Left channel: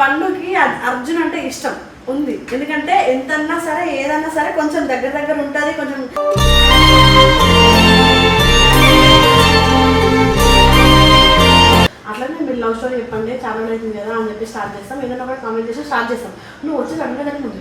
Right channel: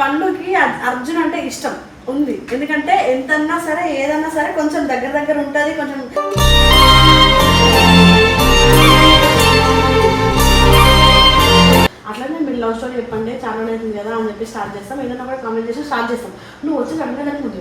పండుకి అర్జున్ అంటే ఇష్టం ఉంది. ఎందుకంటే ఎంతన్నా సరే ఏదన్నా సరే కొంచెం దగ్గర ఉంటుంది. కొంచెం అట్లనే మీరు లవ్ స్టోరీ చెప్పండి, చాలా అవుతుంది కదా అని చెప్పి స్టార్ట్ చేస్తాం. ఏదైనా కూడా కామెంట్ చేసి స్టార్ట్ చేస్తాం. నువ్వు వచ్చి అడగగానే ముందు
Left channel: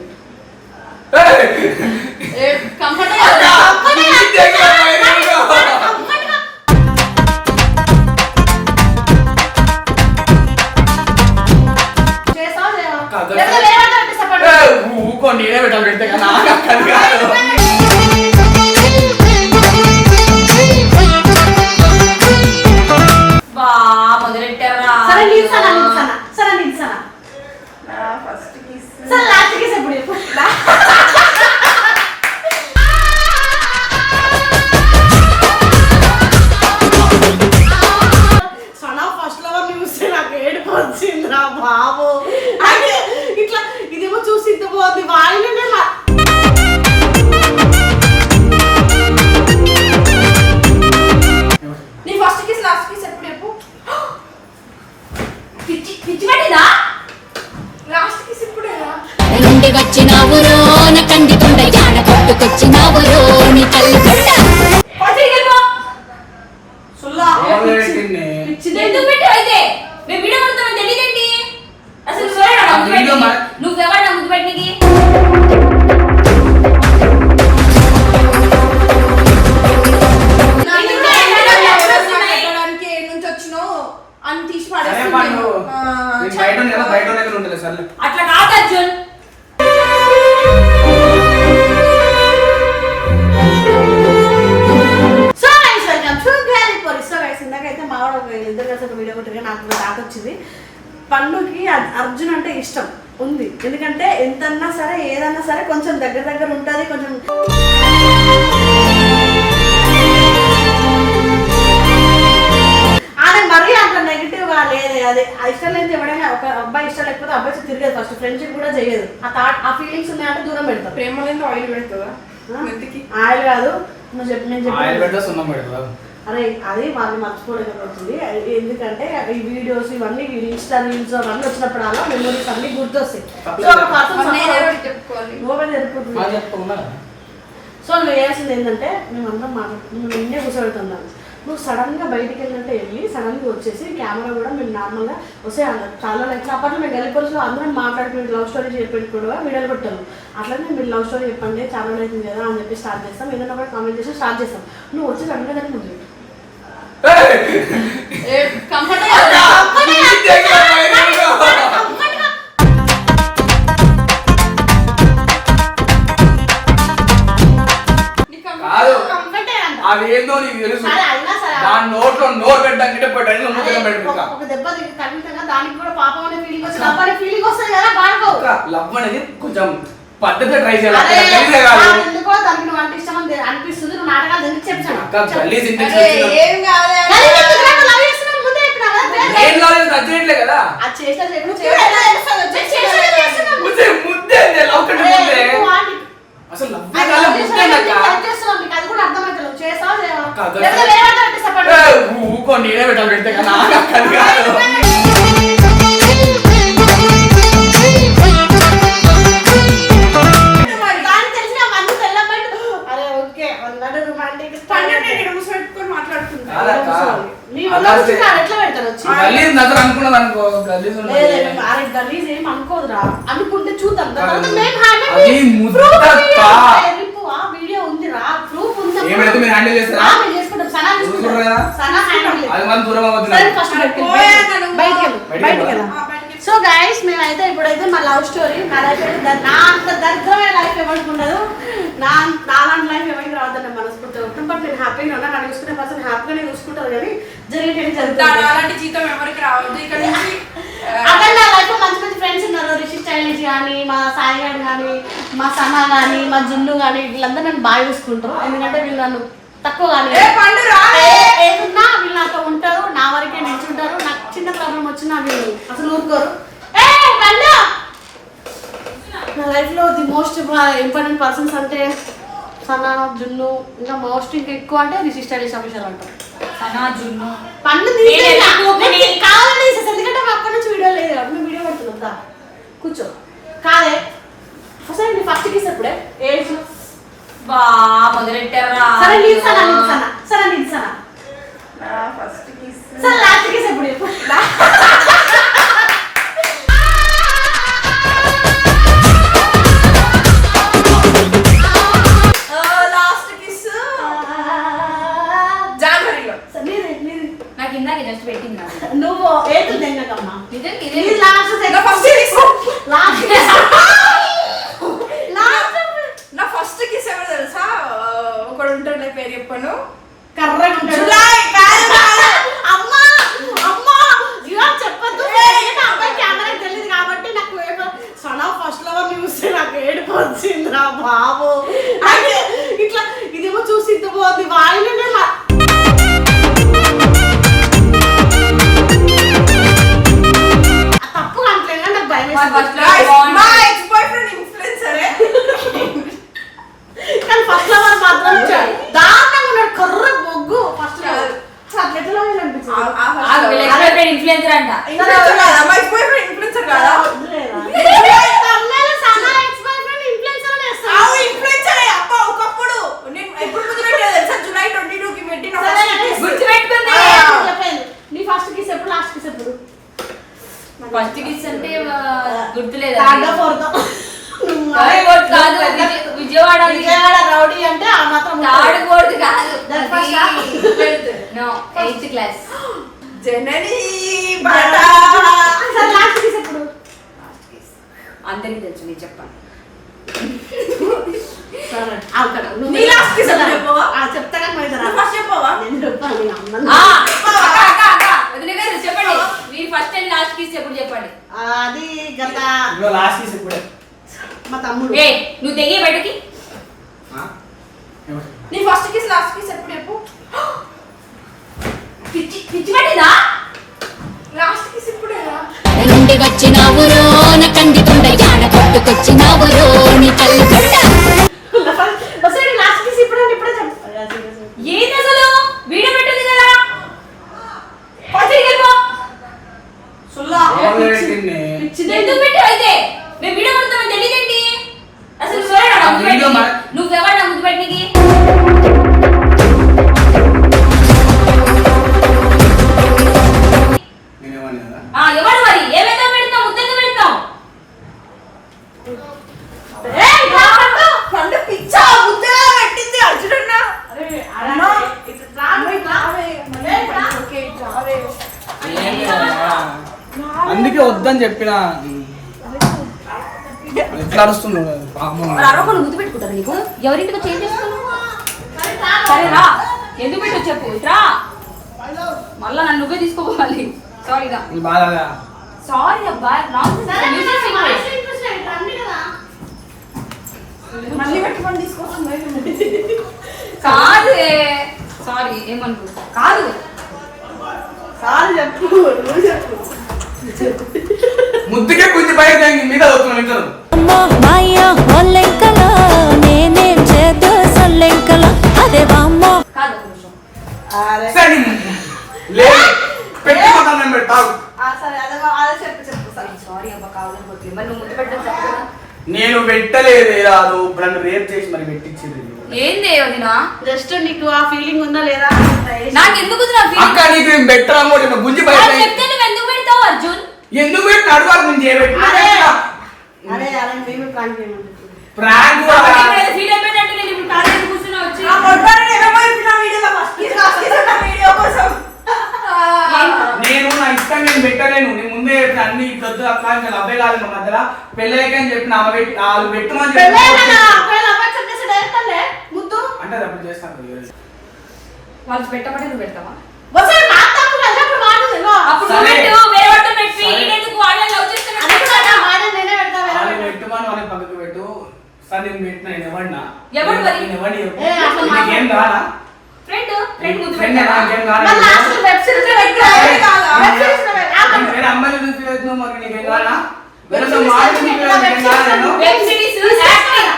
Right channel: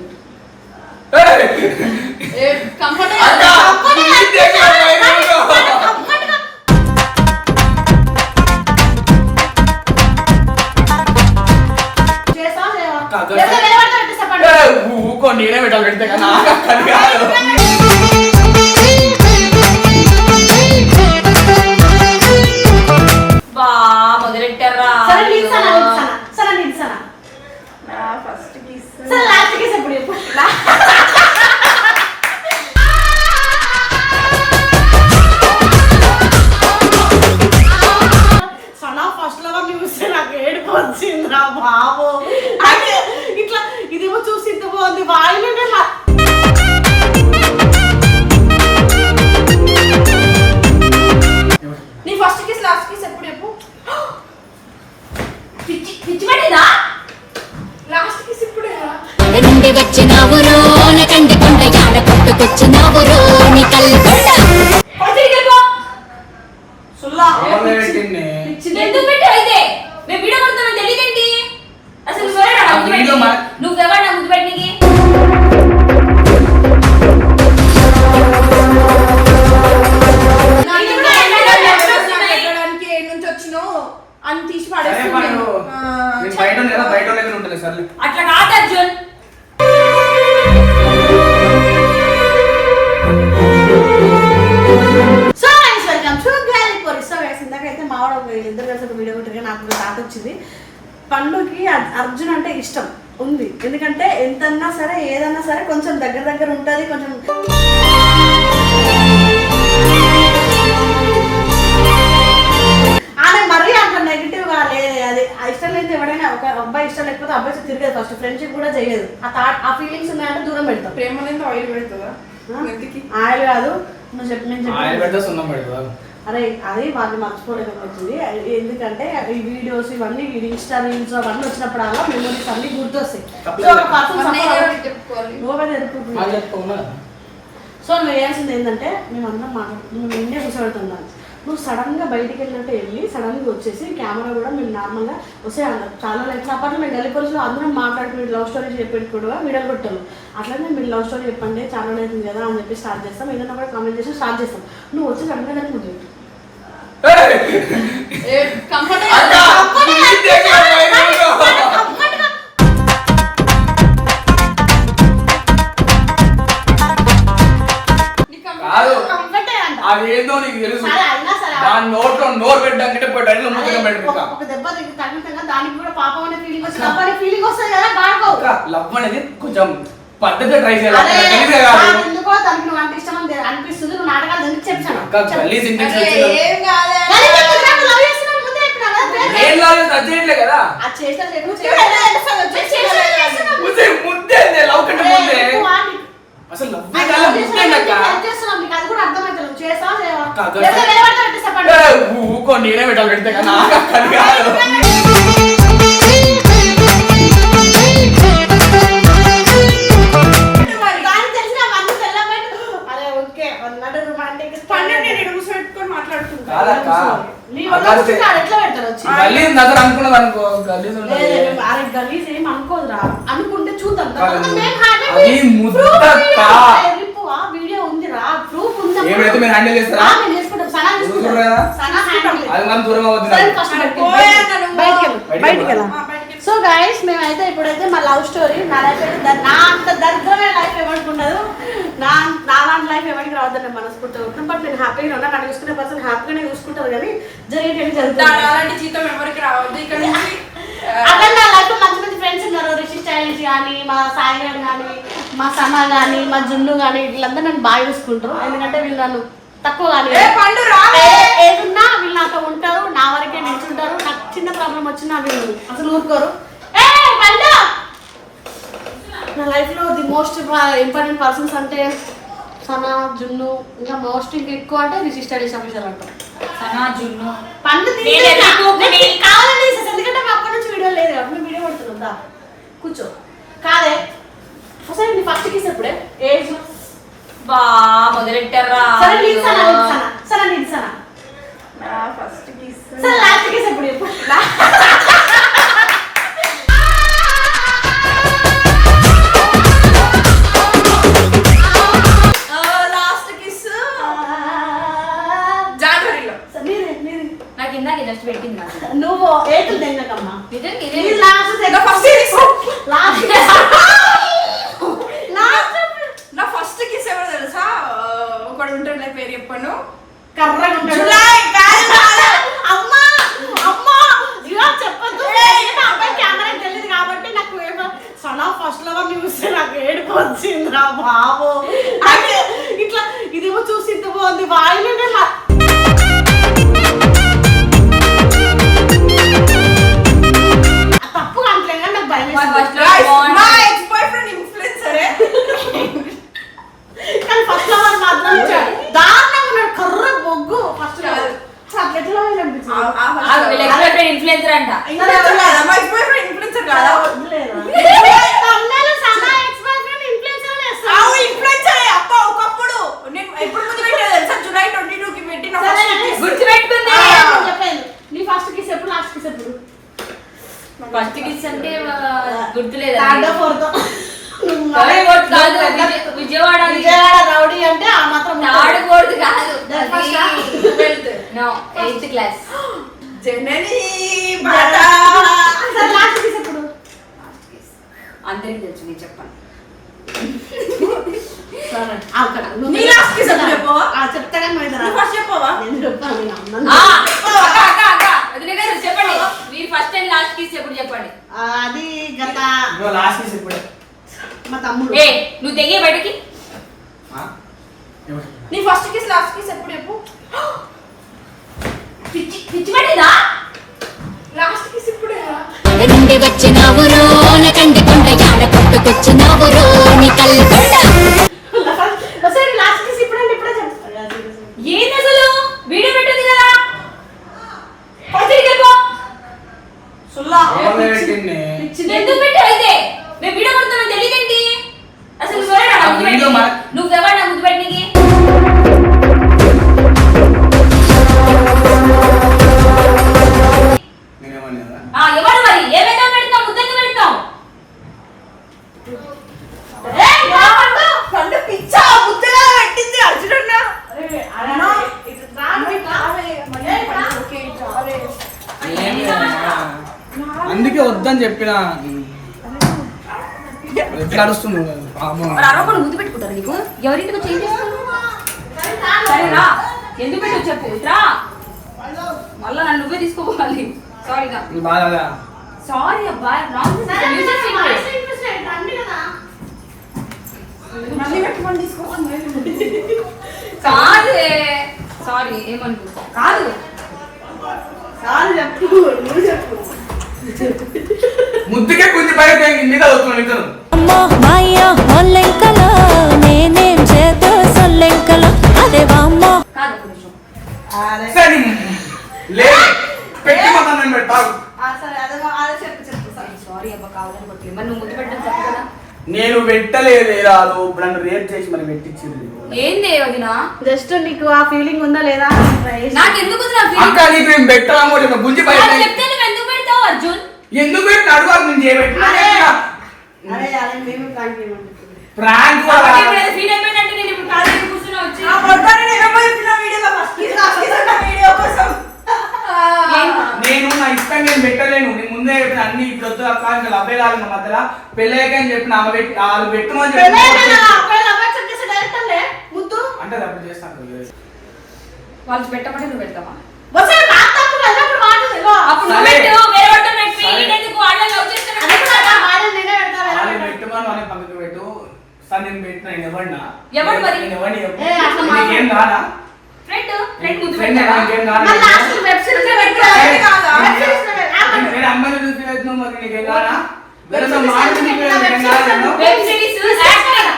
నేనే పెట్టాలి పెడితే కదా మొదలెట్టారా? ఫస్ట్ కిస్ లాస్ట్ కిస్ ఎప్పుడు సనా ఫస్ట్ లో చూస్తే నాకు ఏడుపు వచ్చిందిరా బాబు. అంటే ఇట్లా ఇదేమో చూసి ఇంత బాగుంది వాయిలోనే నీ ఫస్ట్ కిస్ లాస్ట్ కిస్ ఎప్పుడు చెప్పు. పిచ్చి పడిందా? లాస్ట్ కిస్ ఇప్పుడే నుండి వచ్చినావు రోన కండి కొండ యాడ పట్టుకొచ్చినావు రోని కల్కొండ సుల్లా ఎందుకు పెట్టు అయితే మేము వీడియో కొడతామని తెలియదేంటి? అసలు నువ్వెవరు నా ముందు పెట్టినకి? అని తీసి అట్లా కాదు అర్జున్. ఇందాకైతే మావాడు ఒక ఇద్దరు కలిసి ఒక వీడియో కొట్టిగా నాకు ఒక తాత వచ్చింది. పండుకి అర్జున్ అంటే ఇష్టం ఉంది. ఎందుకంటే ఎంతన్నా సరే ఏదన్నా సరే కొంచెం దగ్గర ఉంటుంది. కొంచెం ఆమె మరీ అట్లా నెగిటివ్ గా లేదు. అది ఇష్టం లేదు. ఎవడైనా ఒక అబ్బాయి ఇష్టం లేకపోతే అబ్బాయి తిరిగేది. ఫస్ట్ ఫ్రెండ్షిప్ కూడా చేయదు. ఆ ఫీలింగ్స్ ఉన్నాయంటే దూరం పెడతాం. ప్రేమ లేదు ఆయిల్ పెడుతుందా? ఆయిల్ కాదు, నువ్వు చెప్పు. నేను చెప్పాను అరే అది వాళ్ళు మర్చిపోలేకపోతుంది. ఎందుకంటే ఈ వీడియోస్ ఇవన్నీ ఇన్స్టా రీల్స్ అవన్నీ వచ్చినప్పుడు అలా మెమరీస్ అన్ని గుర్తొస్తాయి. సో నువ్వు వేయాల్సింది ఏంటంటే మేమందరం మాట్లాడుతున్నాం. నిన్నే కూర్చోబెడుతున్నాను. నువ్వు సడన్ గా బయటికి వెళ్ళినట్టే వెళ్ళి సడన్ గా వచ్చేసి కెమెరా కూడా మేము నార్మల్ గా వస్తే చాలా లైక్ అప్పట్లో మేము గల్లీపల్స్లో అందరం మాట్లాడుకుని లవ్ స్టోరీ చెప్పేది కూడా వీడియోలు కొట్టాను. అట్లనే మీరు లవ్ స్టోరీ చెప్పండి, చాలా అవుతుంది కదా అని చెప్పి స్టార్ట్ చేస్తాం. ఏదైనా కూడా కామెంట్ చేసి స్టార్ట్ చేస్తాం. నువ్వు వచ్చి సడన్ గా ముందు అదేందో నీకు తెలుసు. నోట్లో నోరు పెట్టాలంటే ఒక దెబ్బ ఖచ్చితంగా దానికి కూడా పాపం అనే ఫీలింగ్ వచ్చి లవ్ అనే ఫీలింగ్ వస్తుంది కదా. బాగా లవ్ అనేది కొంచెం పద్ధతిగా ట్రై చేయాలి. ఎందుకో దానికి నువ్వు అంటే ఇష్టం అనిపిస్తుంది. నువ్వు నాటకాలు ఎందుకు చెప్పాను కదా అసలు ఊకో నేనే పెట్టాలి పెడితే కదా అనుకుంటే చూద్దాం. వీడియో ఉందిరా, ప్రూఫ్ సో గైస్ మేమైతే ఇప్పుడైతే మా లవ్ స్టోరీ నా లైఫ్ నా అంత దరిద్రమైన లైఫ్ ఎవరికి ఉండదు. నాలాంటి లైఫ్ ఎవరికి రావద్దని నేను మనస్ఫూర్తిగా ఉంటాను. బట్ నేను హ్యాపీగా ఉన్నా. నన్ను చూసుకునే పర్సన్ హ్యాపీగానే చూసుకుంటారు. కానీ జరిగేది జరుగుతుంది. జీతం ఎవరికి రావద్దు. ఇక్కడ అక్కడ నా లైఫ్ మంచి మంచి ఫ్రెండ్స్ ఉన్నారు. రిషి స్టైలిష్ కానీ, మా సాయి గారు కానీ, మా సమా కానీ, మా జున్ను కానీ వీళ్ళందరూ నన్ను బాగా చూసుకుంటారు. ఎందుకంటే వీళ్ళు నన్ను తక్కువ కానీ ఏదున్నా వీళ్ళు నాతో ఉంటారు. నా వరకే నిల్చుంటారు. నాకు చిన్న ప్రాబ్లం వచ్చినా వీళ్ళు అసలు ఊరుకోరు. నా లైఫ్ లో ది మోస్ట్ ఇంపార్టెంట్ పర్సన్స్ అంటే సనా, జున్ను, ఇంకా మోస్ట్ ఇంకా ఎక్కువ అంటే రిషి స్టైలిష్ ఆఫీసర్ అంటారు. సనా, జున్ను పండు కావాలని ఎందుకంటే అప్పటి నుంచి వీడియో లేదు కాబట్టి మేము వీడియో పడుతున్నాం. దా కూర్చో. కాదే ఒకసారి నీ ఫస్ట్ కిస్ ఎప్పుడే ఏజ్? బా మొదలెట్టారా? సరే నిల్సనా నిల్సనా సరే నిల్సనా నా ఫస్ట్ కిస్ సరే లాస్ట్ కిస్ ఎప్పుడు చెప్పు. లాస్ట్ కిస్ జనవరిలో. నాకు ఇందాక జస్ట్ పెట్టింది నాకు. నువ్వు ఏటు తిన్నకమ్మా నిజంగా ఇది ఇదే లాస్ట్ నా ఫస్ట్ కిస్ లాస్ట్ నా ఫస్ట్ కిస్ ఎవరు తెలుసా? ఒకడు ఉంటాడులే, పేరు చెప్పను. కర్రగా ఉంటాడు. జులై కాదు. అమ్మా అమ్మా ఇలా చెప్పొద్దు. అబ్బాయి కెమెరా తెలియదు కాబట్టి నాకు సన్ ఆఫ్ ఫస్ట్ లవర్ చూస్తే నాకు ఏడుపు వచ్చిందిరా బాబు. అంటే ఇట్లా ఇదేమో చూసి ఇంత బాగుంది వాయిలోనే తప్పు అంటే నాకు భయం వేసింది. మా ఎక్స్ బాయ్ ఫ్రెండ్ ఇన్ఫ్లుయెన్సరే. కానీ ఫస్ట్ లవర్ మాత్రం దారుణంగా ఉన్నాడు. కర్ర బొగ్గు ఫస్ట్ లవర్ ఎట్లా అనిపించింది? ఇన్ఫ్లుయెన్సర్ అంట. మా ఎక్స్ బాయ్ ఫ్రెండ్ ఇన్ఫ్లుయెన్సర్ కాదా? ఇన్ఫ్లుయెన్సరే అప్ప. ఒకప్పుడు నేను ఎప్పుడు ముందు పెట్టేది తెలుసా? జూలై 22 కి పెట్టిన నీ ఫస్ట్ కిస్ ఎప్పుడు లాస్ట్ కిస్ ఎప్పుడు? ఫస్ట్ కిస్ అంటే గుర్తులేదు. విజయవాడ విజయవాడ రౌడీ అంటే ఆ మాత్రం ఆడుకోడు కాదు. 8th class. జనని లాస్ట్ కిస్ ఎప్పుడు? అందరికి తెలుసు, నేను చెప్పాను. నీ లాస్ట్ కిస్ ఎప్పుడు చెప్పవా? చెప్తా కానీ ఫస్ట్ చెప్పవా? నేను చెప్పాను చెప్పండి, మీరు ఫస్ట్ అండ్ లాస్ట్ కిస్ ఎప్పుడు చెప్పండి. అది గత లాస్ట్ కిస్ ఎప్పుడే? మా తమ్ముడు. ఏ నువ్వు తెగే బయటకి. నీ ఫస్ట్ కిస్ లాస్ట్ కిస్ ఎప్పుడు చెప్పు? పిచ్చి పిచ్చి పట్టిందా? లాస్ట్ కిస్ ఇప్పుడే. నుండి వచ్చినావు రోన కంది కొండ యాడ కొట్టుకొచ్చినావు రోని కల్గొండ. ఒకసారి లాస్ట్ కిస్ ఇప్పుడంటే ఇప్పుడే చెప్పు. ఏంది అసలు? వీడియో పెట్టింది కదా. ఎందుకు పెట్టావు అయితే? మేము వీడియో కొడతామని తెలియదేంటి? అసలు నువ్వెవరు నా ముందు పెట్టినకి? ఎవరు మరి? ఏమైనా పెడతాం, ముద్దలు పెడతాం. పండు పిచ్చా ముద్దగా పెట్టింది అర్జునన్న. అందుకే వద్దని చెప్పిన. ఎట్లా అరుస్తున్నాడు పాపం. ముద్దు పెట్టుకుంటారు నీకు? ఎవరింటికి వచ్చి ఏం చేస్తాను? సరేరా, ఎందుకు పెట్టు చెప్పు. ఇట్రా మళ్ళా నన్ను నువ్వే తీసుకోవాలి. సారీగా బాగా సారీ అబ్బా. మళ్ళీ పెట్టుకొని తీసుకొస్తుంది. కాదు సారీ, ఏమనుకుంటా కాదు. చాలు చెప్పు, నువ్వు చెప్పు. ముద్దుకే కొంచెం పైకి మీద అవుతున్నాడు. అమ్మో మాయ్యా ఒల్లెంకలో నేనేం చేద్దు సొల్లెంకలో అదే వామ్మో. కాదు ఒక నిమిషం. పెట్టుకుంటాను పెట్టావు. సరే అదే చెప్పు చెప్పు. సారీ అబ్బా, కావాలని కొట్టలేదు. మరి నువ్వు ముద్దు పెట్టడం తప్పు కదా. నేను పెట్టలేదు రాదు. నన్ను రేప్ చేసి మరి పెట్టించింది. ఏంది వదినా? జస్ట్ నీకు ఆ ఫీలింగ్ ఉందా లేదా? నాకు ఎందుకు ఉంది నా feeling? అక్క నీకు ఏం పెట్టామో గుంజి బయట నాకు చెప్తే నువ్వు ఎందుకు పెడతావు అర్జున్? ఎందుకు పెట్టిన అడుగు ముందు అరే అరే మేము ప్రాంక్ చేయమంటే ప్రాంక్ ఫీల్ అయిపోయినట్టు నేను ఇప్పుడు కాలేజీ కూర్చున్నా వచ్చి ఆ మొట్టాన్ని ఏమో చెప్పిన వీడియోలో ఫస్ట్ కిస్ లాస్ట్ కిస్ అన్న వీడియో కోసం. నేను నా ఇష్టం నేను పెట్టలేను. నేను ముందే చెప్పిన అన్ని కొద్ది అక్క ఇంకా అబ్బాయి కాదు మా మధ్యలో పెళ్ళయ్యాక అని చెప్పిన ఆమె పెట్టి వాళ్ళు పెట్టమని చెప్పి అంటే అప్పుడు చేస్తాను. వాళ్ళు పెట్టమంటే నువ్వు పెడతావా? అప్పుడు నువ్వు సరే. పెట్టు, వేరే వాడితో పెట్టి సరే. నేనెందుకు వాళ్ళని love చేస్తున్నా? వాళ్ళు పెట్టమని వాళ్ళని పక్కకు పెట్టు. సార్ నేను పెట్టిన నేను ఎవరినా ఎవడు మరి? నేను ఎవరిని ఏ, అసలు మా- నీకేం రానా? ఫ్రెండ్ ఫ్రెండ్ ముద్దు ఫ్రెండ్ పెట్టావా? నాకేం రానా? వేరే అమ్మాయిని చూసి ఫీల్ అవుతున్నావు మరి నీకేం రానా? వేరే మాట నీకేం రానా? Web series acting.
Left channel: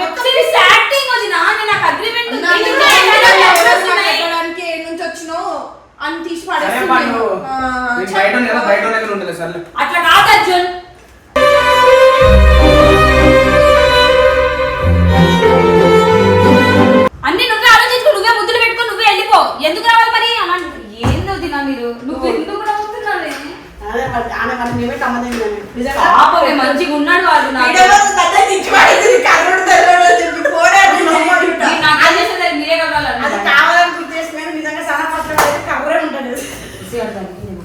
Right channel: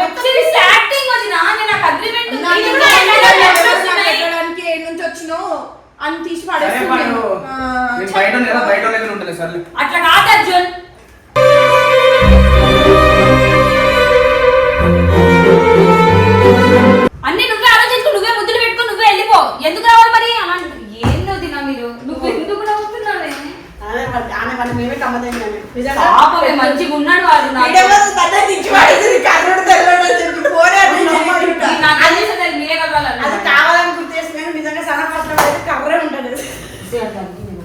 Web series acting వదినా. నేను నాకు అగ్రిమెంట్ ఉంది. నుంచి వచ్చినావు అని తీసి సరే పడేస్తుంది. పండు. నేను బయట ఉంది కదా, బయట దగ్గర ఉంటుంది సర్లే. అట్లా కాదు అర్జున్. అన్ని నువ్వే ఆలోచించుకో, నువ్వే ముద్దులు పెట్టుకో, నువ్వే వెళ్ళిపో. ఎందుకు రావాలి మరి అలా? ఏందో తినా మీరు, నువ్వు ఎందుకు నవ్వుతున్నావే? అదే మరి ఆమె మరి మేమే కమ్మదం నిజంగా పాపమే మంచిగా ఉన్నాడు వాడు. వీడియోలో తల దించి పడేసింది, కర్రోడు తెల్లోడు అని చెప్పి పోరాడు చేసిండు. నాకు తెలిసి మీరే అది కలవాలి. కావాలని గుర్తు చేసుకుని నిజంగా సన్నపాత్ర అయితే కవరే ఉంటుంది.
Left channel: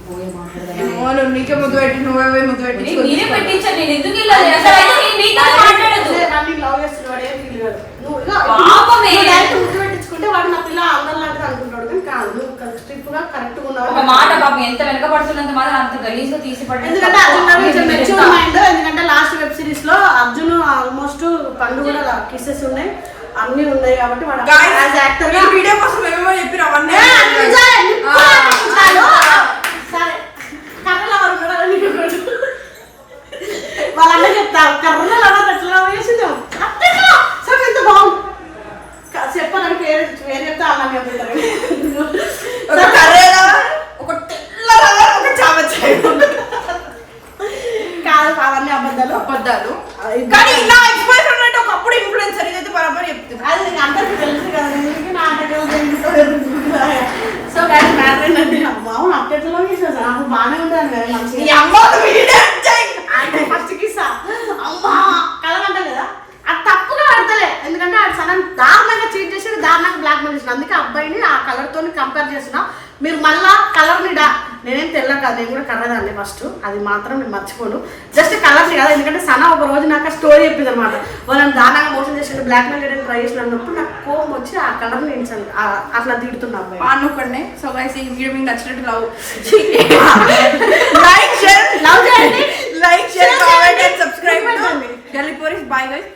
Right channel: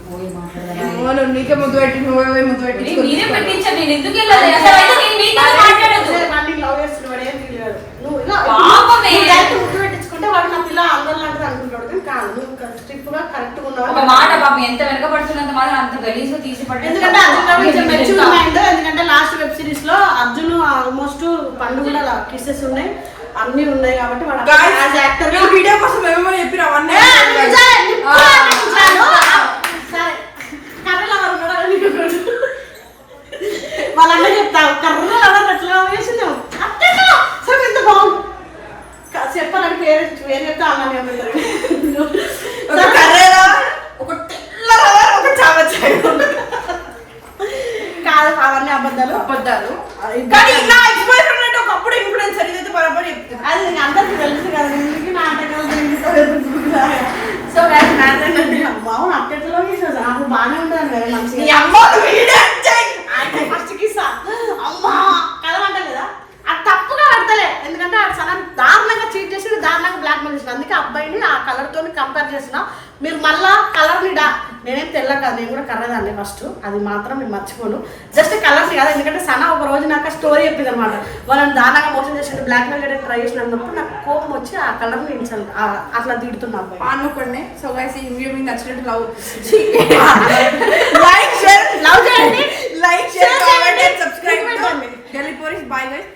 పోయి మాట్లాడాలి. ఏమో నువ్వు నీకే ముద్దు పెట్టి నువ్వే ముద్దు పెట్టి మీరే పెట్టించారు, నేను ఎందుకు వెళ్ళాలి? అసలు అయితే నేను మీతో మాట్లాడదు. అన్ని లవ్ చేస్తున్నాడు ఏం ఫీల్ కాదు. నువ్వు పాపమే. డైరెక్ట్ ముద్దు పెట్టించుకుంటే వాడు నా పిల్ల అందరు లాంటిది అనుకుంటాడు కానీ కాదు. నువ్వు స్ట్రిక్ట్ గా కరెక్ట్ గా ఒక ఉన్నావు. మాట పాపం ఎంత వెనకబడుతున్నంత మాత్రం అంత గలీజ్ గా తీసి పడ్డాడు. ఎందుకంటే అర్జున్ గారు కొంచెం మెచ్యూర్ మైండ్. ఎందుకంటే లాస్ట్ వెబ్ సిరీస్ లో అర్జున్ ఆల్మోస్ట్ పండు కూడా కిస్సెస్ ఉన్నాయి, అన్ని ఉన్నాయి కాబట్టి వాడు యాజ్ యాక్టర్ గా వీడియో కోసం ఏమేమో చెప్పిన అవన్నీ వాళ్ళందరూ చెప్తారు కర్రలో ఎవరు అట్లా వేసిందేమో అట్లా సార్ ఎంత బాగుంది చెప్పాలని పేరు పేరు చెప్తే అలానే ఒక కర్రేలా ఒక తెల్లగా ఒక చావచ్చాయి కాదు అవన్నీ అబద్ధాలు. అబద్ధాలు. కానీ ఇలా ఎక్స్పోజ్ ఉన్నట్టు ఒకప్పుడు ఇన్ఫ్లుయెన్సర్ ఇదైతే బరాబర్ చెప్తుంది. అది నీకు అందరికీ తెలుసు కదా, ఎందుకు నాటకం సో గాయస్ మ్యాటర్ ఏంటంటే బాగుంది అట్టెట్లో వేసేది నాకు బాగానే ఉంటుంది కదా ఈ మంచిగా. అమ్మ వీడియో అంటే ఫస్ట్ కిస్సా అమ్మా కలవంట కదా అది తప్పుగా పడతలే. ఎందుకంటే ఆ సడన్ దారుణంగా చీట్ చేసి దారుణంగా బ్లాక్ మెయిల్ చేసిన. అందుకే అబ్బాయిని ఆ కలర్ తోని కంపేర్ చేసిన. మీరు మళ్ళా కలర్ ని నేనేం తెల్ల కాదు, నేను కూడా కర్రదాన్ని ఫస్ట్, అది మాత్రం నేను మర్చిపోను. జస్ట్ కలర్స్ కాదు, ఎందుకంటే సనా ఒక రోజు నాకు స్టోరీ చెప్పింది అనమాట. వాళ్ళని దారుణంగా మోసం చేసి బ్లాక్ మెయిల్ చేయడానికి ట్రై చేసినప్పుడు నాకు కోపం వచ్చి ఆ కలర్ నేను అట్లా తిడుతున్నా అబ్బాయి. అనుకోండి. సో గైస్ ఈ వీడియో మీకు నచ్చినట్టు లైక్ షేర్ లవ్ చేయండి, like share comment and subscribe చేయండి. టు గల్లీ పోరీస్. Bye guys.